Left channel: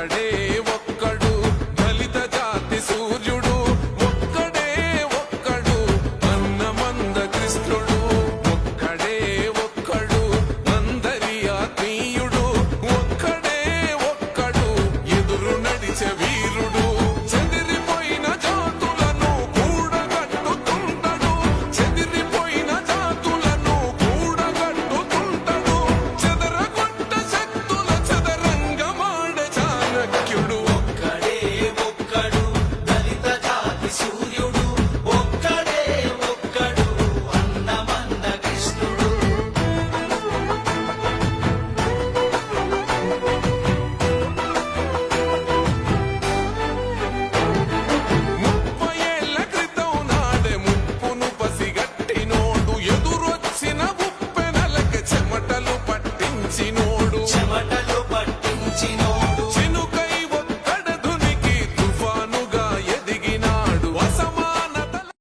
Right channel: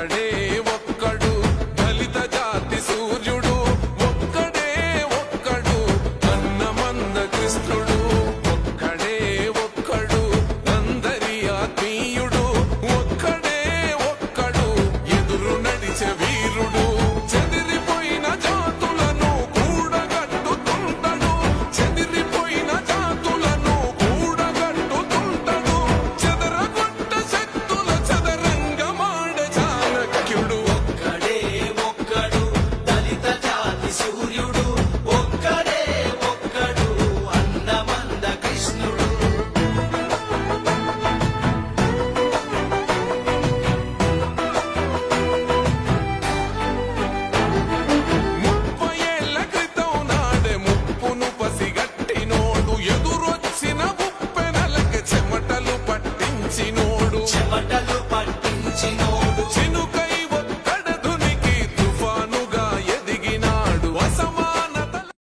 ఒక్కడే ఒక్కడు దళిత జాతి సూర్యుడు, ఒక్కడే ఒక్కడు అన్నమంద కృష్ణుడు, ఒక్కడే ఒక్కడు అందరి ఆత్మీయుడు, ఒక్కడే ఒక్కడు ఎదురు నడిచే వీరుడు. చెదిరిపోయిన జాతులను కూడగట్టుతుంటడు, చెదిరిపోయిన జాతులను కూడగట్టుతుంటడు, చెదరగొట్ట శక్తుల చదరంగమాడే చాణక్యుడు. ఒక్కడే ఒక్కడు దళిత జాతి సూర్యుడు, ఒక్కడే ఒక్కడు అన్నమంద కృష్ణుడు. 30 ఏళ్ల క్రితం నాడే ముప్పును పసిగట్టినోడు, ఎదురొచ్చిన ఉప్పెనలకి చెమటలు పట్టించినోడు, చెమటలు పట్టించినోడు,